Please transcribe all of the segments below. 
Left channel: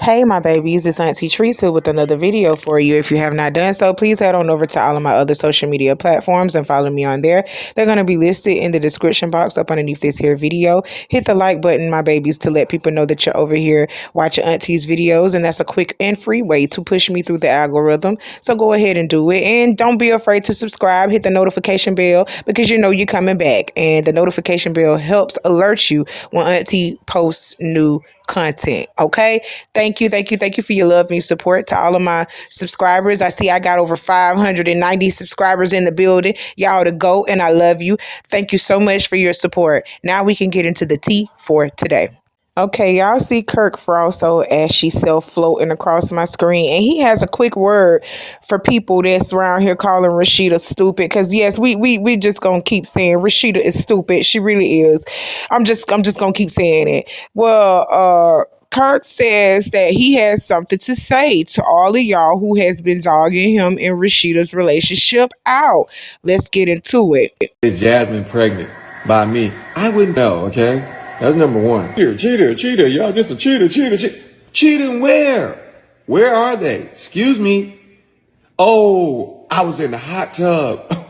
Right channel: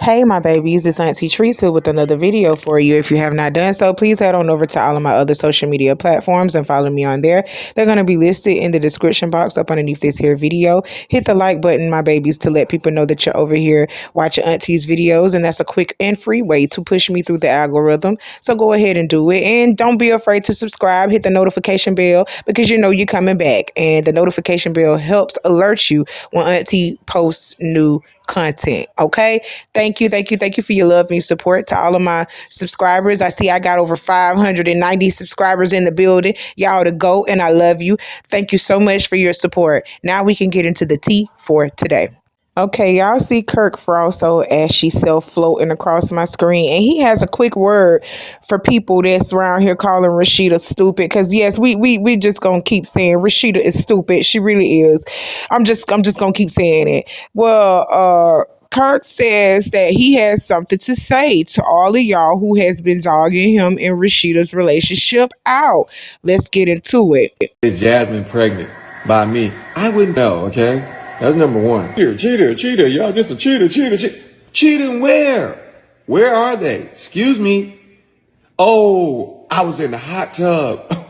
Hey my babies, it's Auntie Trice with another video for you. If you have not done so, please head on over to all of my other social media platforms and follow me on there. They're going to be listed in the description box up underneath this here video. Hit the like button, my babies, to let people know that you're over here watching Auntie's videos, and that's a quick and free way to push me through the algorithm. So go ahead and do it, and don't be afraid to subscribe. Hit the notification bell because you know you're coming back, and the notification bell helps alert you when Auntie posts new content. Okay, thank you for your love and your support. To all of my subscribers, I see I got over 590 subscribers in the building. Y'all to go, and I love you. Thank you so much for your support. Now we can get into the tea for today. Okay, y'all see Kirk Frosso as she floating across my screen, and he has a quick word for people that's around here calling Rasheeda stupid. Cause yes, we just gonna keep saying Rasheeda is stupid. She really is. I'm just gonna keep saying it. Well, Kirk says that he has something to say to all of y'all who has been dogging him and Rasheeda's relationship out. Let's get into it. Is Jasmine pregnant by me? I wouldn't know, okay? That's number one. Cheater, y'all just a cheater. Cheating where? Where are they? Excuse me. Oh, I was in the hot tub.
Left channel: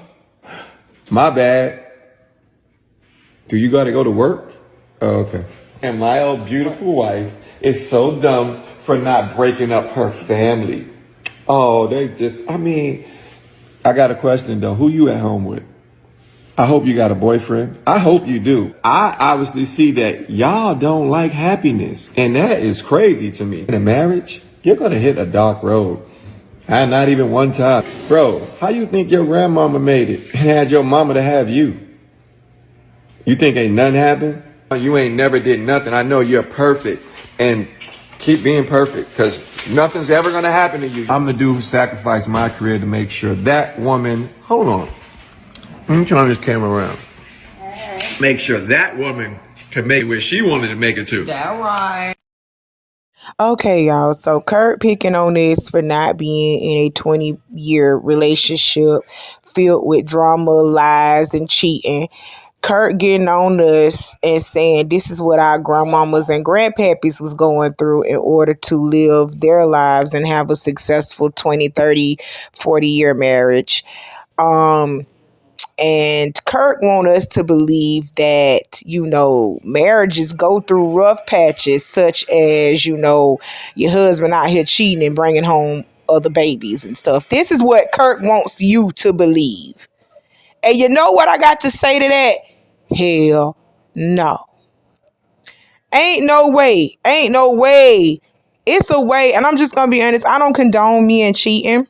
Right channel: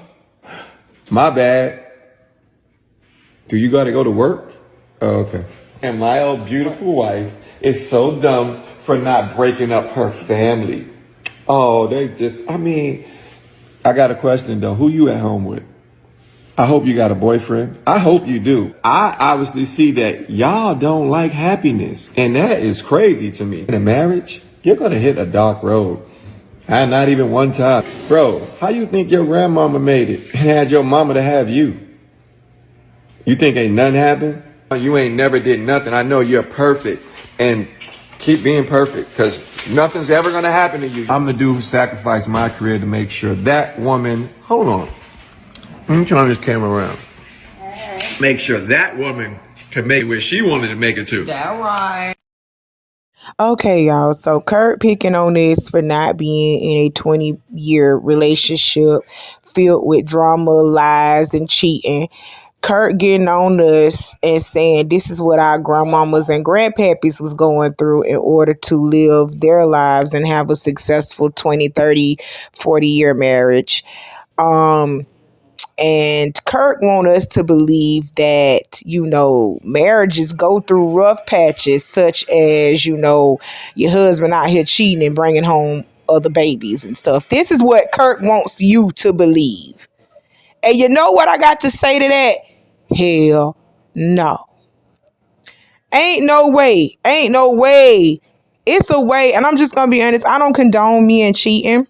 My bad. Do you gotta go to work? Oh, okay. And my old beautiful wife is so dumb for not breaking up her family. Oh, I got a question though. Who you at home with? I hope you got a boyfriend. I hope you do. I obviously see that y'all don't like happiness. And that is crazy to me. In a marriage, you're going to hit a dark road. And not even one time. Bro, how you think your grandmama made it and had your mama to have you? You think ain't nothing happened? You ain't never did nothing. I know you're perfect. And keep being perfect because nothing's ever going to happen to you. I'm the dude who sacrificed my career to make sure that woman, hold on. Let me turn this camera around. Make sure that woman can make it where she wanted to make it to. That right. Okay, y'all. So Kirk picking on this for not being in a 20-year relationship filled with drama, lies, and cheating. Kirk getting on us and saying this is what our grandmamas and grandpappies was going through in order to live their lives and have a successful 20, 30, 40-year marriage. And Kirk want us to believe that, marriages go through rough patches, such as, your husband out here cheating and bringing home other babies and stuff. This is what Kirk wants you to believe. And you know what I got to say to that? Hell no. Ain't no way. It's a way. And I'm just going to be honest. I don't condone men cheating.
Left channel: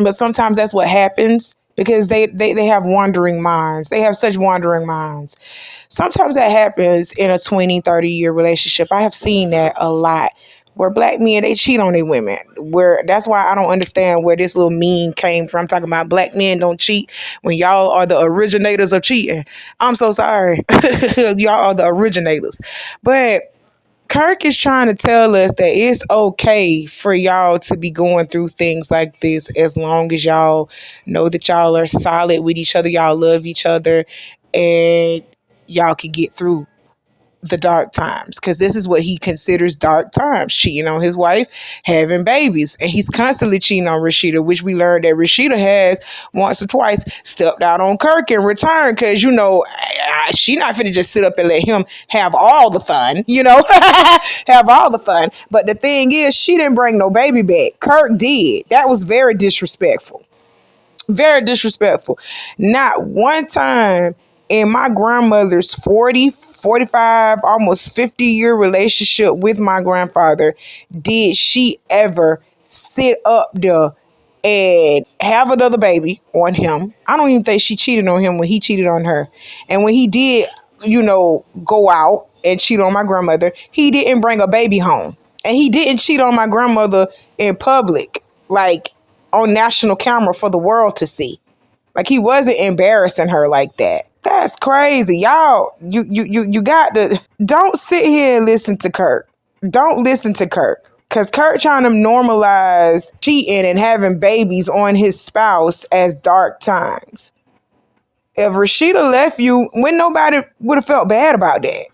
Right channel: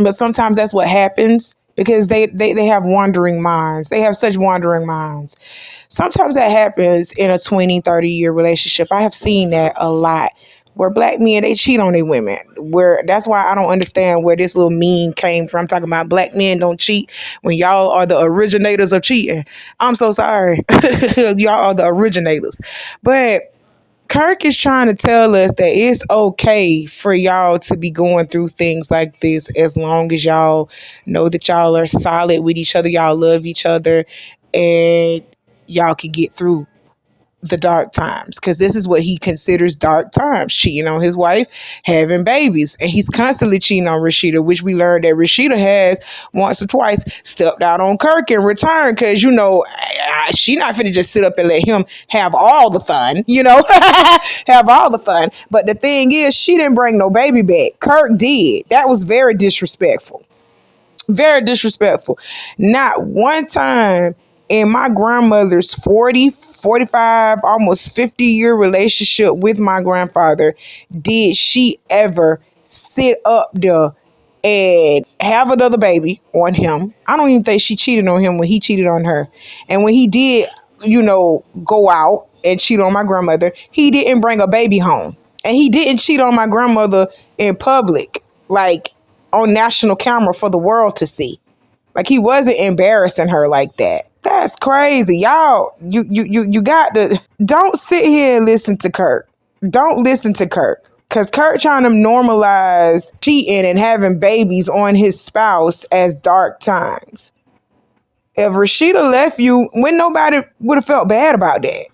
But sometimes that's what happens. Because they have wandering minds. They have such wandering minds. Sometimes that happens in a 20, 30-year relationship. I have seen that a lot. Where black men, they cheat on their women. That's why I don't understand where this little meme came from. Talking about black men don't cheat when y'all are the originators of cheating. I'm so sorry. Y'all are the originators. But Kirk is trying to tell us that it's okay for y'all to be going through things like this as long as y'all know that y'all are solid with each other, y'all love each other, and y'all can get through the dark times. Because this is what he considers dark times: cheating on his wife, having babies. And he's constantly cheating on Rasheeda, which we learned that Rasheeda has once or twice stepped out on Kirk in return. Because, she not finna just sit up and let him have all the fun, have all the fun. But the thing is, she didn't bring no baby back. Kirk did. That was very disrespectful. Very disrespectful. Not one time in my grandmother's 40, 45, almost 50-year relationship with my grandfather did she ever sit up there and have another baby on him. I don't even think she cheated on him when he cheated on her. And when he did, go out and cheat on my grandmother, he didn't bring a baby home. And he didn't cheat on my grandmother in public, like on national camera for the world to see. Like, he wasn't embarrassing her like that. That's crazy. Y'all, you got to... Don't sit here and listen to Kirk. Don't listen to Kirk. Because Kirk trying to normalize cheating and having babies on his spouse as dark times. If Rasheeda left you, when nobody would have felt bad about that.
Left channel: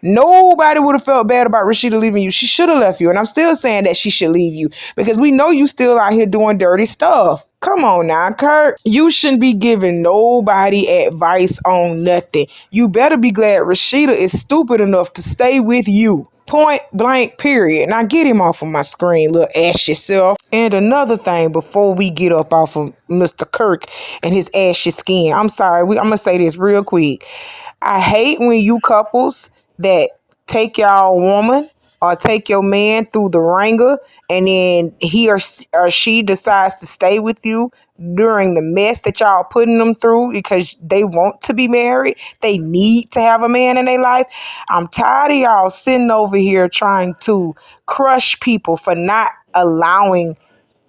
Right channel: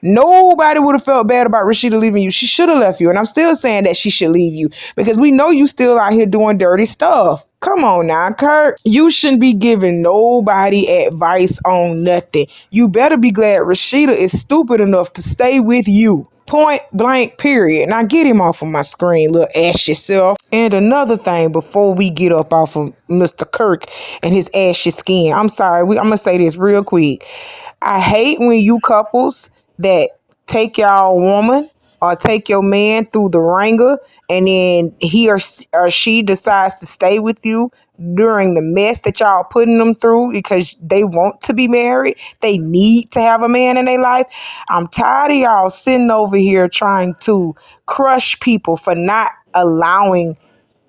Nobody would have felt bad about Rasheeda leaving you. She should have left you. And I'm still saying that she should leave you because we know you still out here doing dirty stuff. Come on now, Kirk. You shouldn't be giving nobody advice on nothing. You better be glad Rasheeda is stupid enough to stay with you. Point blank, period. Now get him off of my screen, little ass yourself. And another thing before we get up off of Mr. Kirk and his ashy skin. I'm sorry, I'm going to say this real quick. I hate when you couples that take y'all woman or take your man through the ringer and then he or she decides to stay with you during the mess that y'all putting them through because they want to be married. They need to have a man in their life. I'm tired of y'all sitting over here trying to crush people for not allowing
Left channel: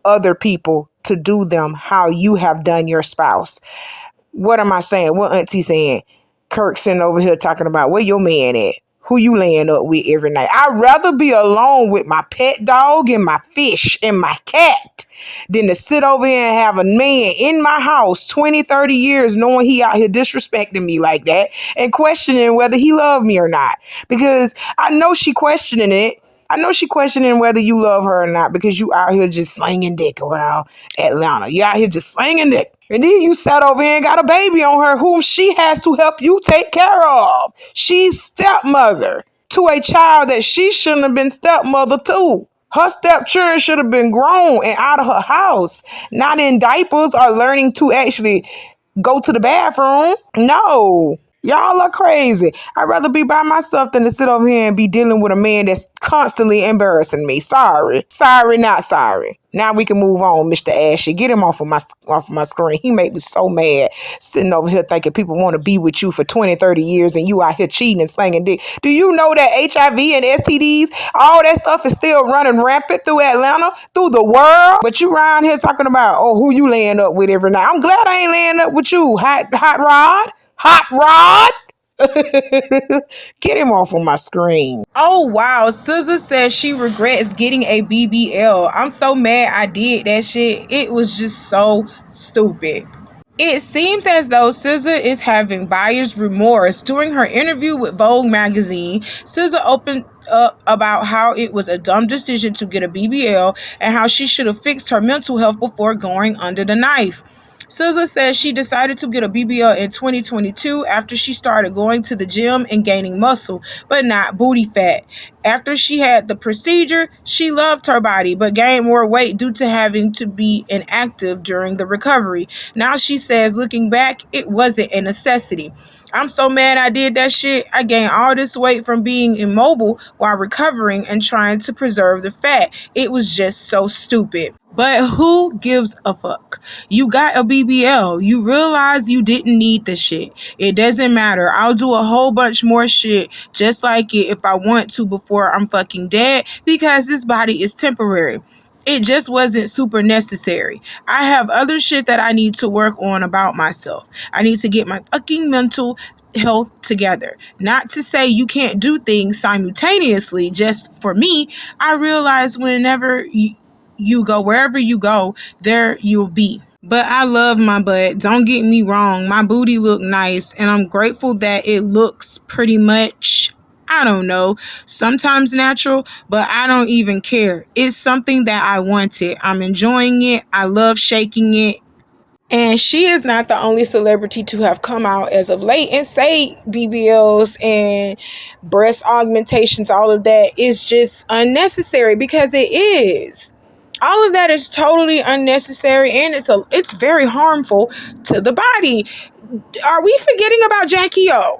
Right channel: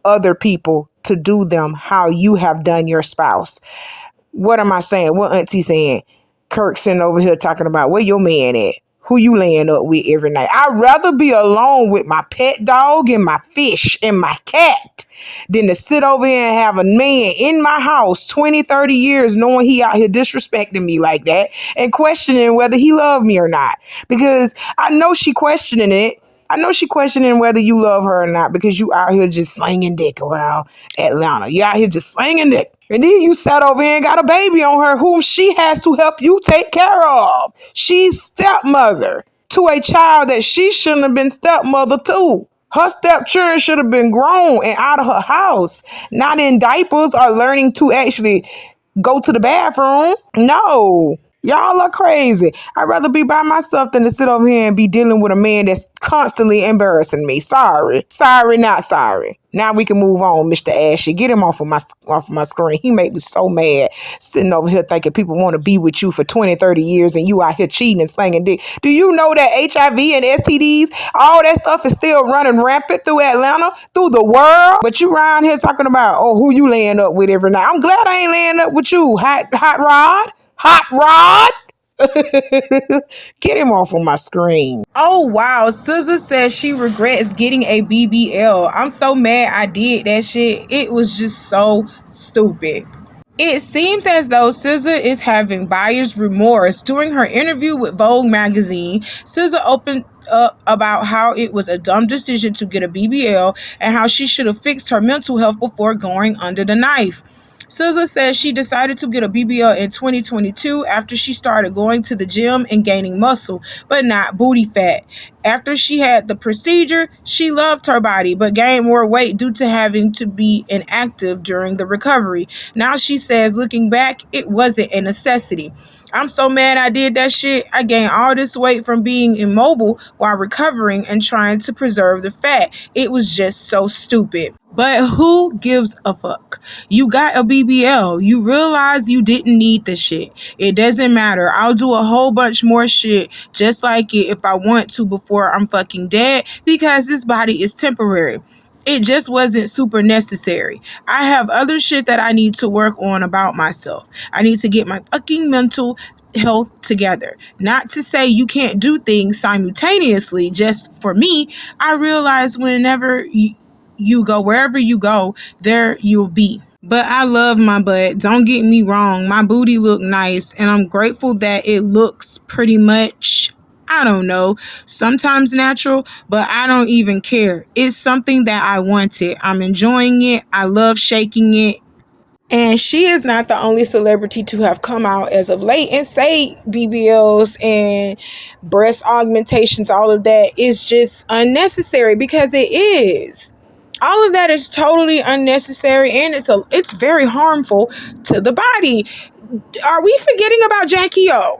other people to do them how you have done your spouse. What am I saying? What Auntie saying? Kirk sitting over here talking about where your man at? Who you laying up with every night? I'd rather be alone with my pet dog and my fish and my cat than to sit over here and have a man in my house 20, 30 years knowing he out here disrespecting me like that and questioning whether he loved me or not. Because I know she questioning it. I know she questioning whether you love her or not because you out here just slinging dick around Atlanta. You out here just slinging dick. And then you sat over here and got a baby on her whom she has to help you take care of. She's stepmother to a child that she shouldn't have been stepmother to. Her stepchildren should have been grown and out of her house, not in diapers or learning to actually go to the bathroom. No. Y'all are crazy. I'd rather be by myself than to sit over here and be dealing with a man that's constantly embarrassing me. Sorry. Sorry, not sorry. Now we can move on, Mr. Ashy. Get him off of my screen. He make me so mad sitting over here thinking people want to be with you for 20, 30 years and you out here cheating and slanging dick. Do you know that HIV and STDs, all that stuff is still running rampant through Atlanta, through the world? But you around here talking about, oh, who you laying up with every night. I'm glad I ain't laying up with you, Hot Rod. Hot Rod? Get him off of my screen. Oh, wow. SZA says she regrets getting a BBL. I'm so mad I did that shit. It was just so stupid. It seems as though SZA is having buyer's remorse. During her interview with Vogue magazine, SZA opened up about how it was a dumb decision to get a BBL and how she should have fixed her mental health before going under the knife. SZA says she decided to get a BBL in 2022 after she started going to the gym and gaining muscle, but not booty fat. After she had the procedure, she loved her body, but gained more weight due to having to be inactive during the recovery. Now she says, looking back, it wasn't a necessity. I'm so mad I did that shit. I gained all this weight from being immobile while recovering and trying to preserve the fat. It was just so stupid. But who gives a fuck? You got a BBL. You realize you didn't need the shit. It doesn't matter. I'll do a whole bunch more shit just like it if I want to before I'm fucking dead because this body is temporary. It just wasn't super necessary. I have other shit that I need to work on about myself. I need to get my fucking mental health together. Not to say you can't do things simultaneously. Just for me, I realize whenever you go, wherever you go, there you'll be. But I love my butt. Don't get me wrong. My booty look nice and I'm grateful that it looks pretty much, I don't know, sometimes natural, but I don't even care. It's something that I wanted. I'm enjoying it. I love shaking it. And she is not the only celebrity to have come out as of late and say BBLs and breast augmentations, all of that is just unnecessary because it is. All of that is totally unnecessary and it's very harmful to the body. Are we forgetting about Jackie O?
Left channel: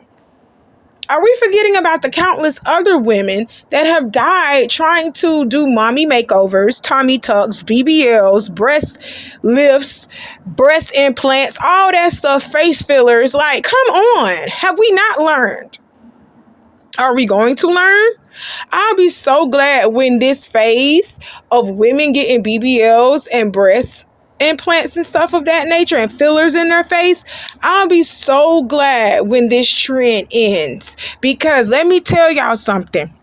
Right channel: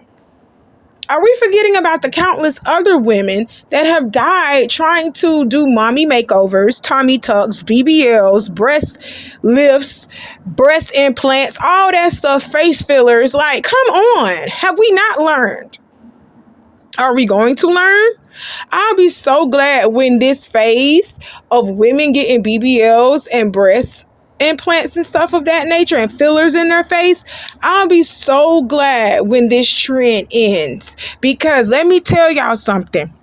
Are we forgetting about the countless other women that have died trying to do mommy makeovers, tummy tucks, BBLs, breast lifts, breast implants, all that stuff, face fillers? Like, come on. Have we not learned? Are we going to learn? I'll be so glad when this phase of women getting BBLs and breast implants and stuff of that nature and fillers in their face, I'll be so glad when this trend ends. Because let me tell y'all something.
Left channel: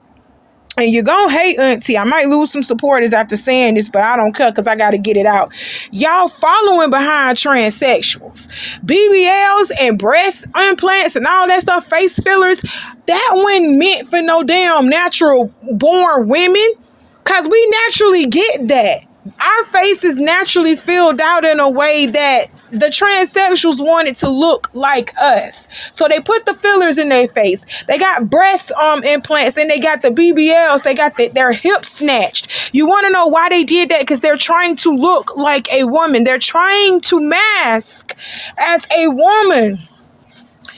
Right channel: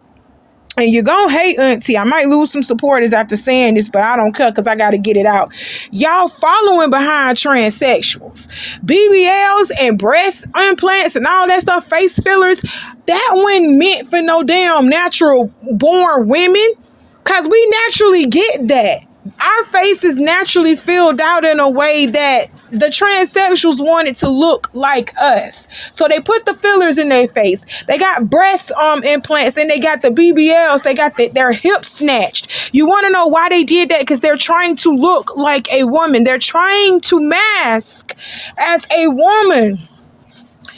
And you're gonna hate Auntie. I might lose some supporters after saying this, but I don't care because I gotta get it out. Y'all following behind transsexuals. BBLs and breast implants and all that stuff, face fillers, that wasn't meant for no damn natural born women. Cause we naturally get that. Our face is naturally filled out in a way that the transsexuals wanted to look like us. So they put the fillers in their face. They got breast implants and they got the BBLs. They got their hips snatched. You want to know why they did that? Because they're trying to look like a woman. They're trying to mask as a woman.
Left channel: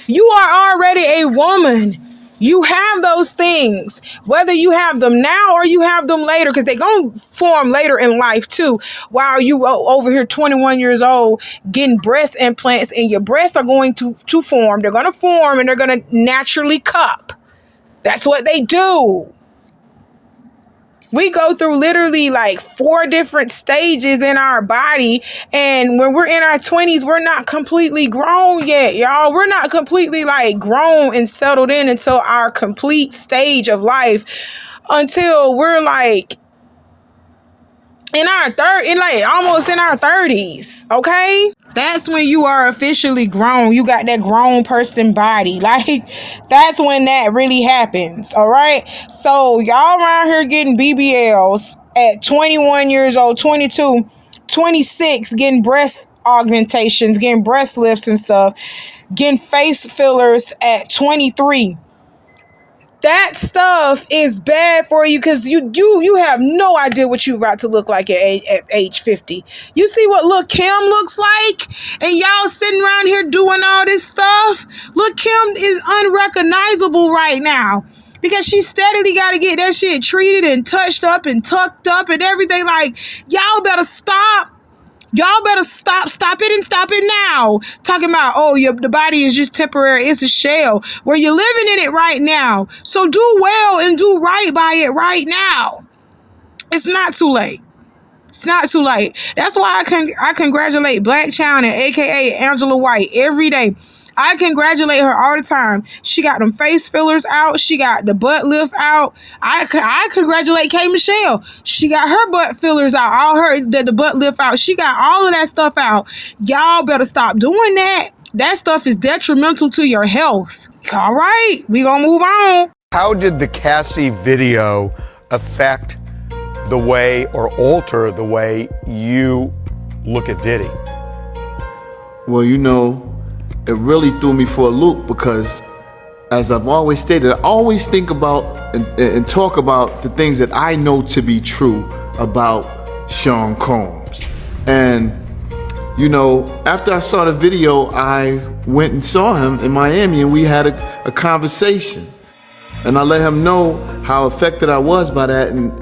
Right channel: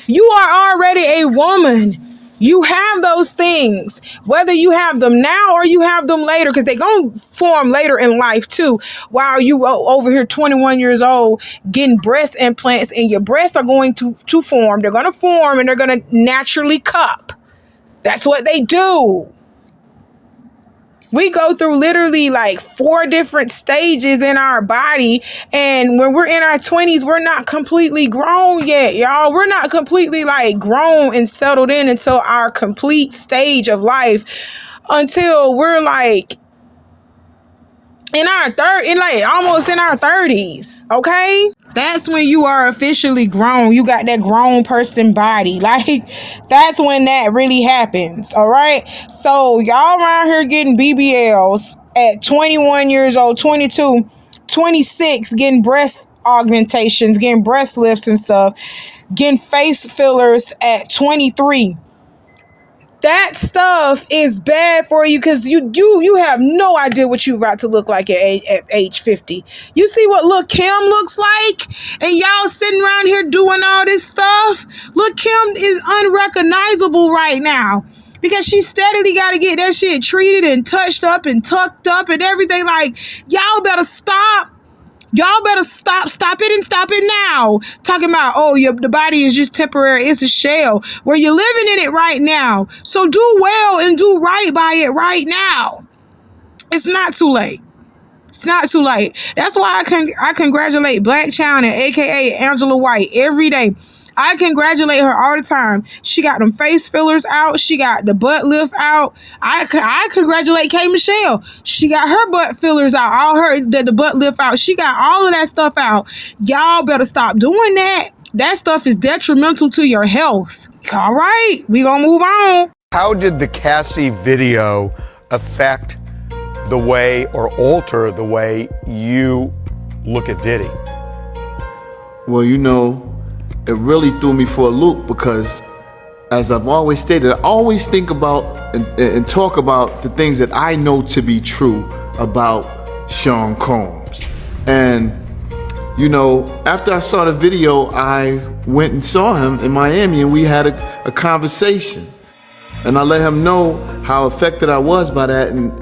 You are already a woman. You have those things, whether you have them now or you have them later, because they're going to form later in life too, while you over here 21 years old getting breast implants, and your breasts are going to form. They're going to form and they're going to naturally cup. That's what they do. We go through literally like 4 different stages in our body. And when we're in our 20s, we're not completely grown yet, y'all. We're not completely like grown and settled in until our complete stage of life, until we're like almost in our 30s. Okay? That's when you are officially grown. You got that grown person body. Like, that's when that really happens. All right. So y'all around here getting BBLs at 21 years old, 22, 26, getting breast augmentations, getting breast lifts and stuff, getting face fillers at 23. That stuff is bad for you because you have no idea what you about to look like at age 50. You see what Lil' Kim looks like? And y'all sitting around here doing all this stuff? Lil' Kim is unrecognizable right now because she steadily got to get that shit treated and touched up and tucked up and everything. Like, y'all better stop. Y'all better stop it and stop it now. Talking about, the body is just temporary. It's a shell. Where you're living in it right now. So do well and do right by it right now. It's not too late. It's not too late. That's why I congratulate Black China, aka Angela White, every day. I congratulate her all the time. She got them face fillers out. She got the butt lift out. I congratulate K. Michelle. She got her butt fillers out. All the butt lift out. She got all of that stuff out. Y'all better stop doing that. That stuff is detrimental to your health. All right, we gonna move on. How did the Cassie video affect the way or alter the way you look at Diddy? Well, it really threw me for a loop because, as I've always stated, I always think about and talk about the things that I know to be true about Sean Combs. And, after I saw the video, I went and saw him in Miami and we had a conversation. And I let him know how affected I was by that. And,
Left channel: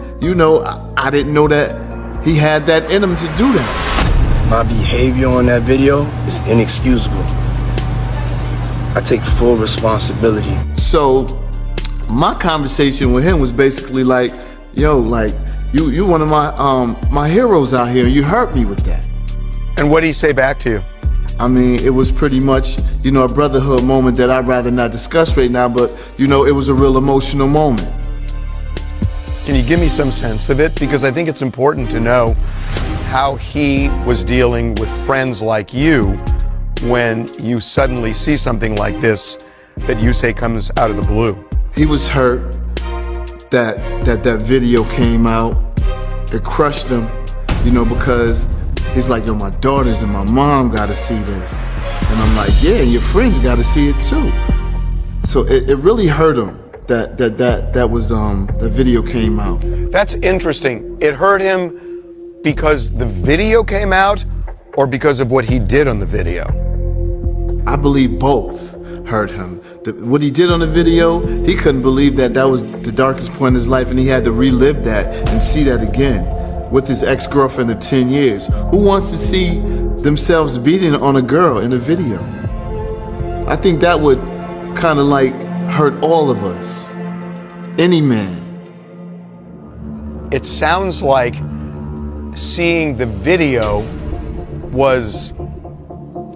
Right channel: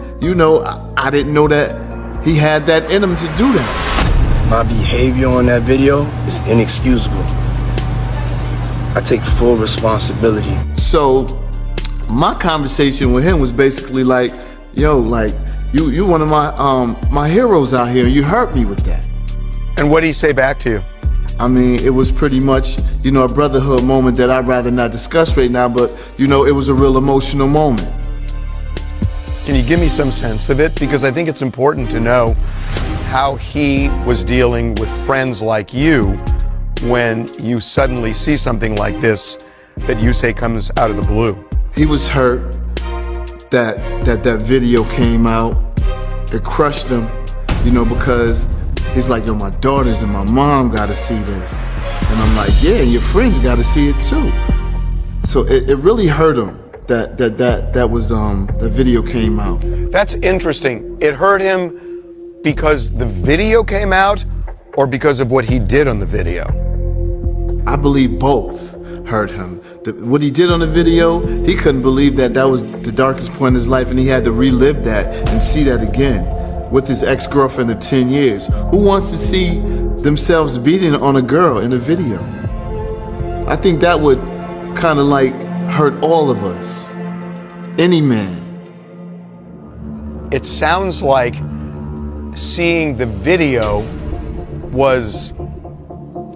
I didn't know that he had that in him to do that. My behavior on that video is inexcusable. I take full responsibility. So my conversation with him was basically like, you one of my heroes out here. You hurt me with that. And what did he say back to you? I mean, it was pretty much, a brotherhood moment that I'd rather not discuss right now, but, it was a real emotional moment. Can you give me some sense of it? Because I think it's important to know how he was dealing with friends like you when you suddenly see something like this that you say comes out of the blue. He was hurt that video came out. It crushed him, because he's like, my daughters and my mom gotta see this. And I'm like, yeah, and your friends gotta see it too. So it really hurt him that was the video came out. That's interesting. It hurt him because the video came out or because of what he did on the video? I believe both hurt him. What he did on the video, he couldn't believe that was the darkest point in his life, and he had to relive that and see that again with his ex-girlfriend of 10 years. Who wants to see themselves beating on a girl in a video? I think that would kind of like hurt all of us. Any man. It sounds like seeing the video was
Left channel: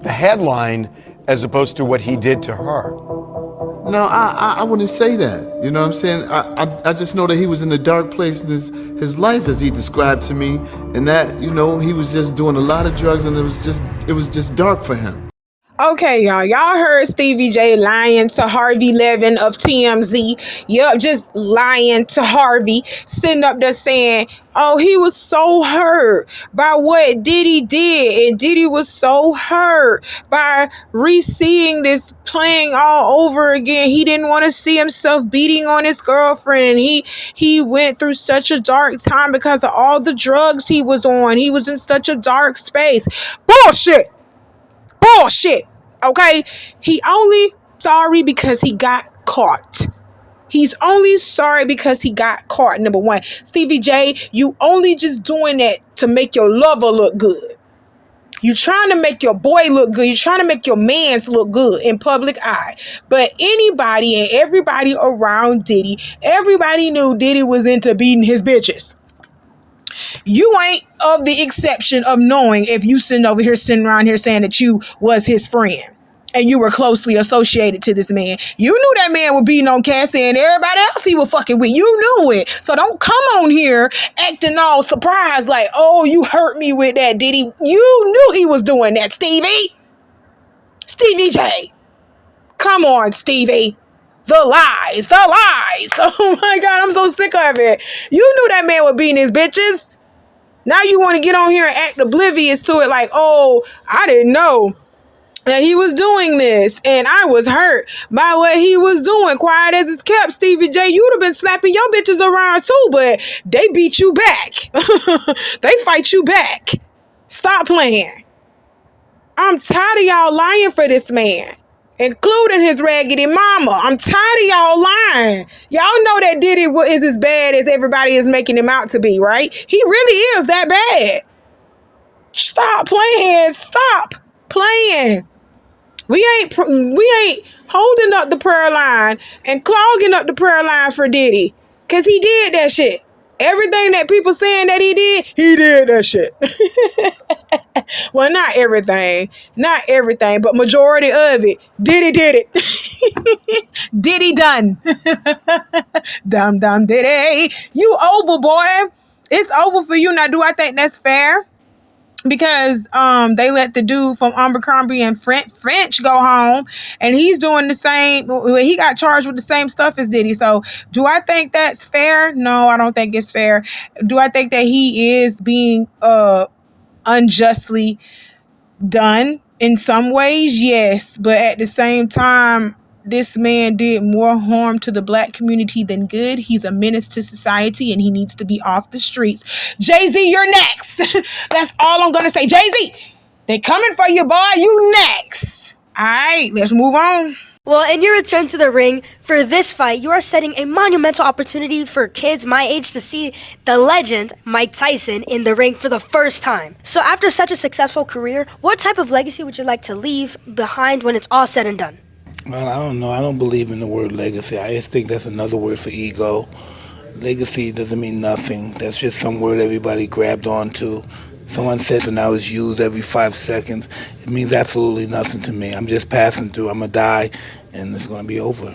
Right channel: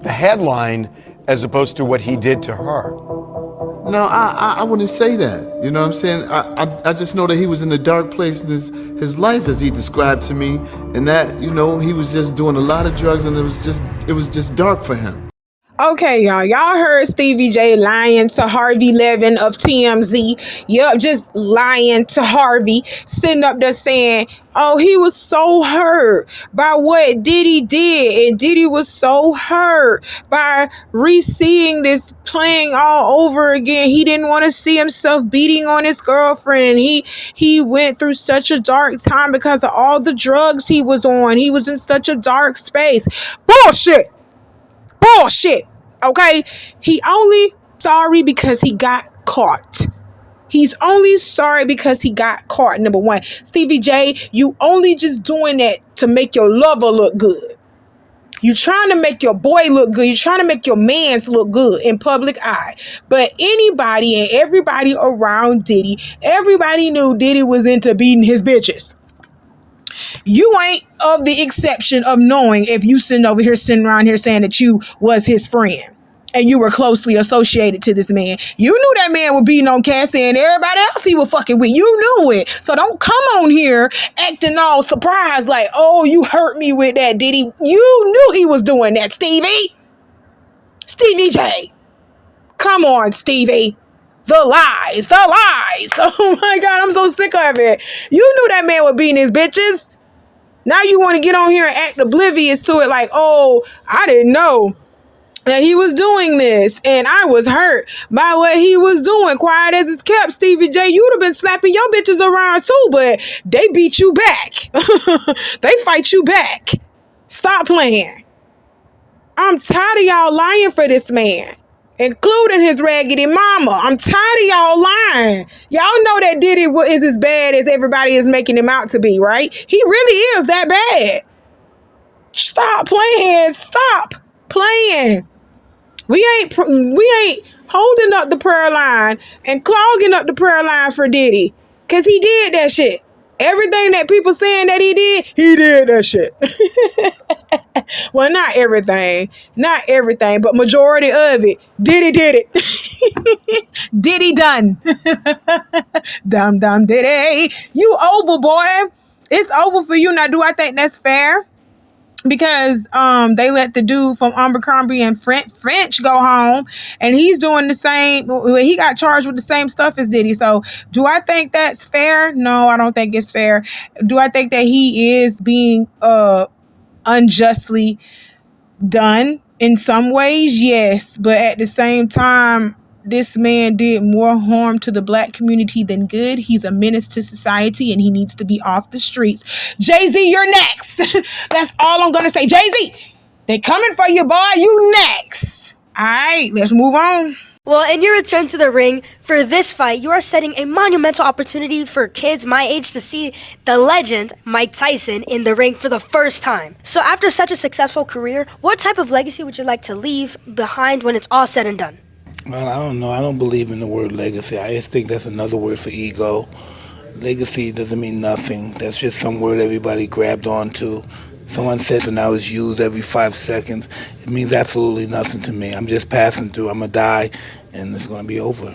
the headline as opposed to what he did to her. No, I wouldn't say that. You know what I'm saying? I just know that he was in a dark place in his life, as he described to me, and that, you know, he was just doing a lot of drugs, and it was just dark for him. Okay, y'all heard Stevie J lying to Harvey Levin of TMZ. Yup, just lying to Harvey, sitting up there saying, oh, he was so hurt by what Diddy did, and Diddy was so hurt by re-seeing this playing all over again. He didn't want to see himself beating on his girlfriend, and he went through such a dark time because of all the drugs he was on. He was in such a dark space. Bullshit! Okay? He only sorry because he got caught. He's only sorry because he got caught, number one. Stevie J, you only just doing that to make your lover look good. You trying to make your boy look good. You trying to make your mans look good in public eye. But anybody and everybody around Diddy, everybody knew Diddy was into beating his bitches. You ain't of the exception of knowing if you sitting around here saying that you was his friend and you were closely associated to this man. You knew that man was beating on Cassie and everybody else he was fucking with. You knew it. So don't come on here acting all surprised like, oh, you hurt me with that, Diddy. You knew he was doing that, Stevie. Stevie J. Come on, Stevie. The lies. Oh my God, I'm so sick of it. You knew that man was beating his bitches. Now you want to get on here and act oblivious to it like, oh, I didn't know that he was doing this and I was hurt by what he was doing. Quiet as it's kept, Stevie J, you would have been slapping your bitches around too, but they beat you back. They fight you back. Stop playing. I'm tired of y'all lying for this man, including his raggedy mama. I'm tired of y'all lying. Y'all know that Diddy is as bad as everybody is making him out to be, right? He really is that bad. Stop playing. Stop playing. We ain't holding up the prayer line and clogging up the prayer line for Diddy, because he did that shit. Everything that people saying that he did that shit. Well, not everything, but majority of it. Diddy did it. Diddy done. Dumb Diddy. You over, boy. It's over for you. Now, do I think that's fair? Because they let the dude from Abercrombie and French go home, and he's doing the same. He got charged with the same stuff as Diddy. So do I think that's fair? No, I don't think it's fair. Do I think that he is being unjustly done in some ways? Yes, but at the same time, this man did more harm to the black community than good. He's a menace to society, and he needs to be off the streets. Jay-Z, you're next. That's all I'm gonna say. Jay-Z, they coming for you, boy. You next. All right, let's move on. Well, in your return to the ring for this fight, you are setting a monumental opportunity for kids my age to see the legend Mike Tyson in the ring for the first time. So after such a successful career, what type of legacy would you like to leave behind when it's all said and done? Well, I don't know. I don't believe in the word legacy. I just think that's another word for ego. Legacy doesn't mean nothing. That's just some word everybody grabbed onto. Someone says and now it's used every 5 seconds. It means absolutely nothing to me. I'm just passing through. I'm going to die, and it's going to be over.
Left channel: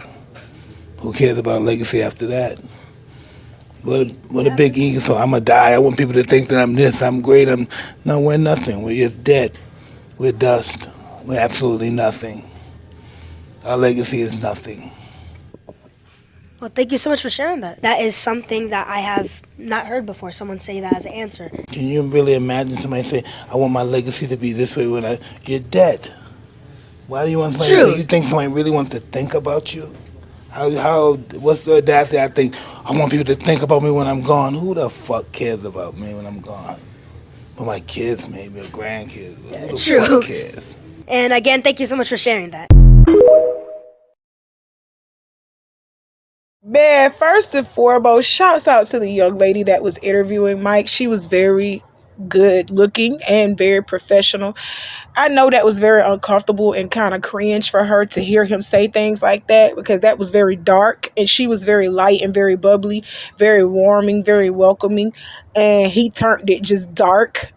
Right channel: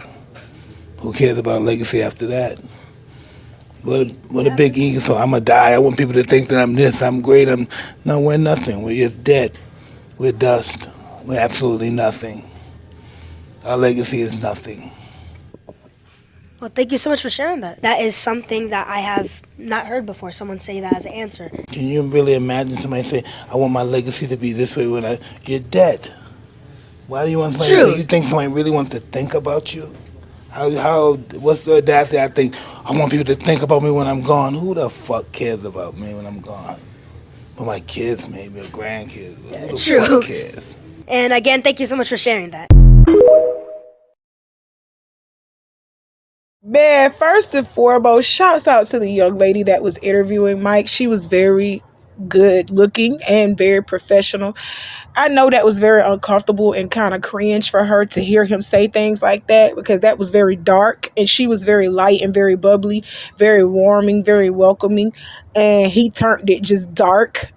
Who cares about legacy after that? What a big ego. So I'm going to die. I want people to think that I'm this, I'm great. No, we're nothing. We're just dead. We're dust. We're absolutely nothing. Our legacy is nothing. Well, thank you so much for sharing that. That is something that I have not heard before, someone say that as an answer. Can you really imagine somebody say, I want my legacy to be this way when you're dead? Why do you want somebody to think? You think somebody really wants to think about you? What's the audacity? I think, I want people to think about me when I'm gone. Who the fuck cares about me when I'm gone? Well, my kids maybe, or grandkids. Who the fuck cares? And again, thank you so much for sharing that. Man, first and foremost, shouts out to the young lady that was interviewing Mike. She was very good looking and very professional. I know that was very uncomfortable and kind of cringe for her to hear him say things like that, because that was very dark and she was very light and very bubbly, very warming, very welcoming, and he turned it just dark.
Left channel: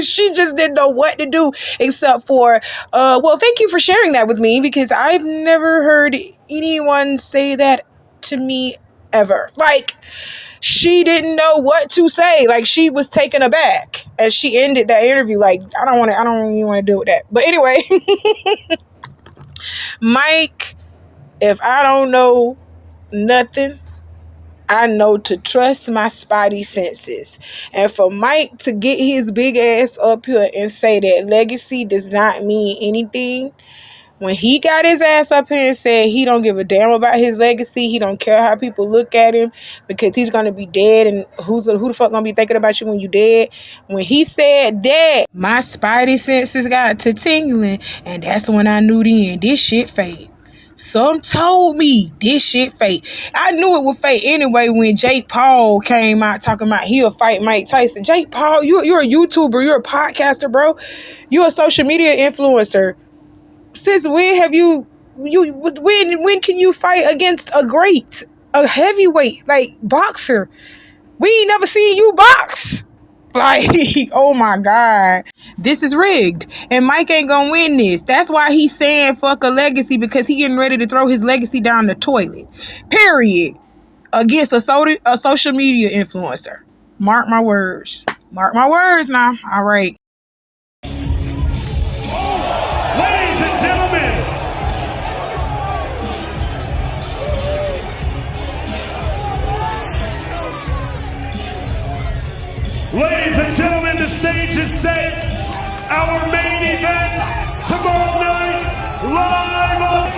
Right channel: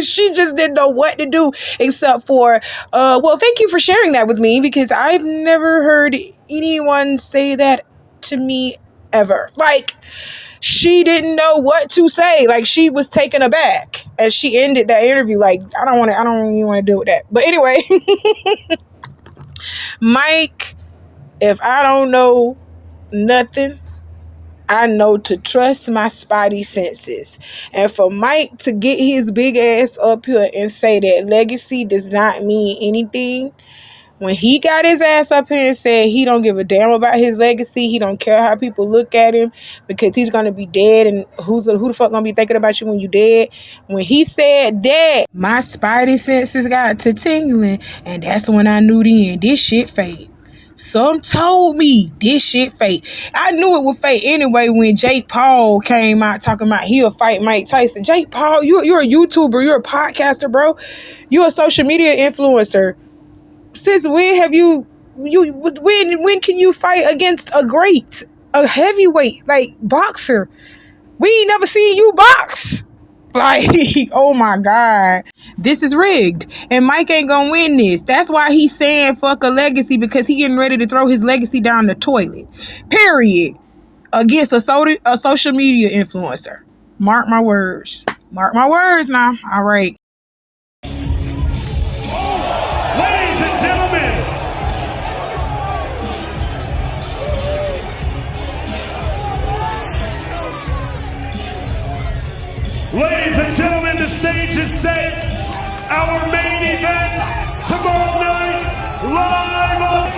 She just didn't know what to do except for well, thank you for sharing that with me, because I've never heard anyone say that to me ever. Like, she didn't know what to say. Like, she was taken aback as she ended that interview. Like, I don't even want to deal with that. But anyway, Mike, if I don't know nothing, I know to trust my spidey senses. And for Mike to get his big ass up here and say that legacy does not mean anything, when he got his ass up here and said he don't give a damn about his legacy, he don't care how people look at him because he's gonna be dead, and who the fuck gonna be thinking about you when you dead? When he said that, my spidey senses got to tingling, and that's when I knew then this shit fake. Some told me this shit fake. I knew it was fake anyway when Jake Paul came out talking about he'll fight Mike Tyson. Jake Paul, you're a YouTuber, you're a podcaster, bro. You're a social media influencer. Since when have when can you fight against a heavyweight, like, boxer? We ain't never seen you box. Like, oh my God. This is rigged. And Mike ain't gonna win this. That's why he's saying fuck a legacy, because he getting ready to throw his legacy down the toilet. Period. Against a social media influencer. Mark my words. Mark my words now. All right. Ladies and gentlemen, the stage is set. Our main event tomorrow night, live on.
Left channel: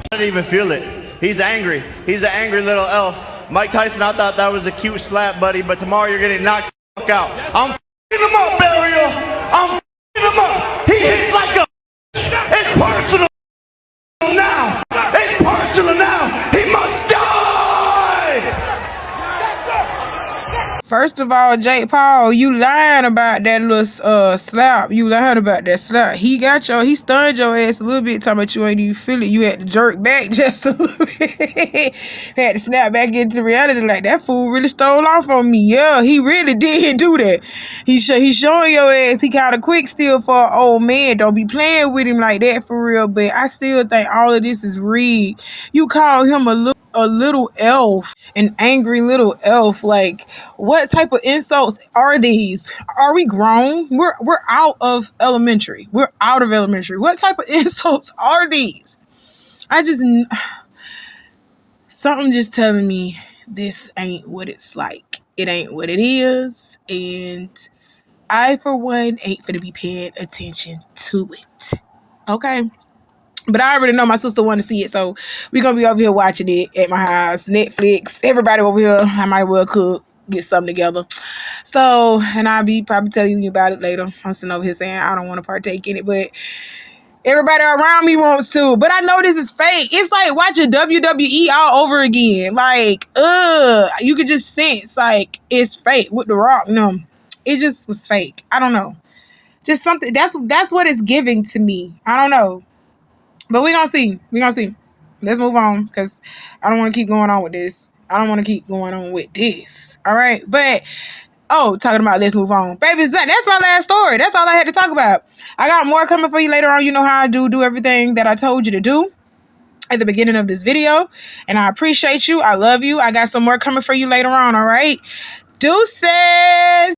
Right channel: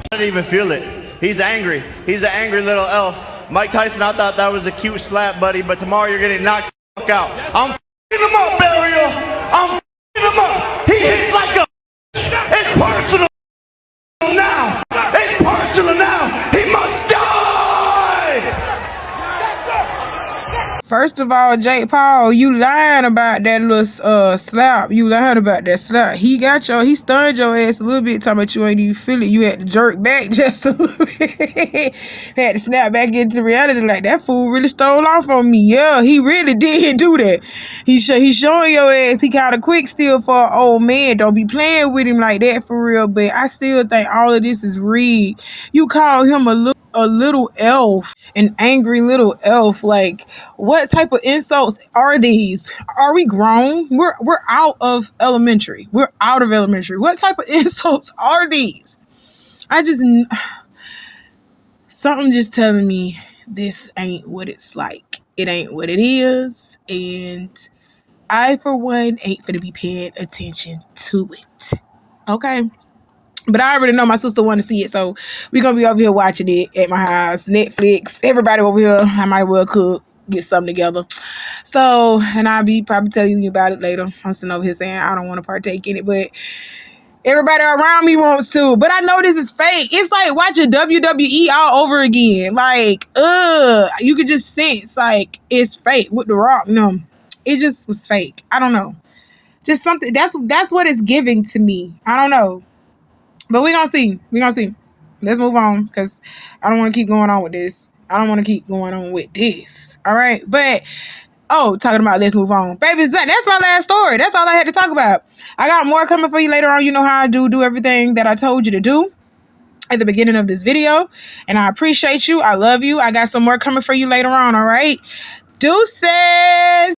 I didn't even feel it. He's angry. He's an angry little elf. Mike Tyson, I thought that was a cute slap, buddy, but tomorrow you're getting knocked the fuck out. I'm f***ing him up, Burial. I'm f***ing him up. He hits like a. It's personal now. It's personal now. He must die. First of all, Jake Paul, you lying about that little slap. You lying about that slap. He stunned your ass a little bit, talking about you ain't even feel it. You had to jerk back just a little bit. Had to snap back into reality, like, that fool really stole off on me. Yeah, he really did do that. He's showing your ass he kind of quick still for an old man. Don't be playing with him like that for real. But I still think all of this is rigged. You call him a little elf, an angry little elf. Like, what type of insults are these? Are we grown? We're out of elementary. We're out of elementary. What type of insults are these? Something just telling me this ain't what it's like. It ain't what it is. And I, for one, ain't finna be paying attention to it. Okay? But I already know my sister wanted to see it, so we're going to be over here watching it at my house. Netflix, everybody over here. I might well cook, get something together. So, and I'll be probably telling you about it later. I'm sitting over here saying I don't want to partake in it, but everybody around me wants to. But I know this is fake. It's like watching WWE all over again. Like, you could just sense, like, it's fake with The Rock. No, it just was fake. I don't know. Just something, that's what it's giving to me. I don't know. But we're going to see. Let's move on, because I don't want to keep going on with this. All right? But, talking about let's move on. Baby, that's my last story. That's all I had to talk about. I got more coming for you later on. You know how I do everything that I told you to do at the beginning of this video. And I appreciate you. I love you. I got some more coming for you later on, all right? Deuces!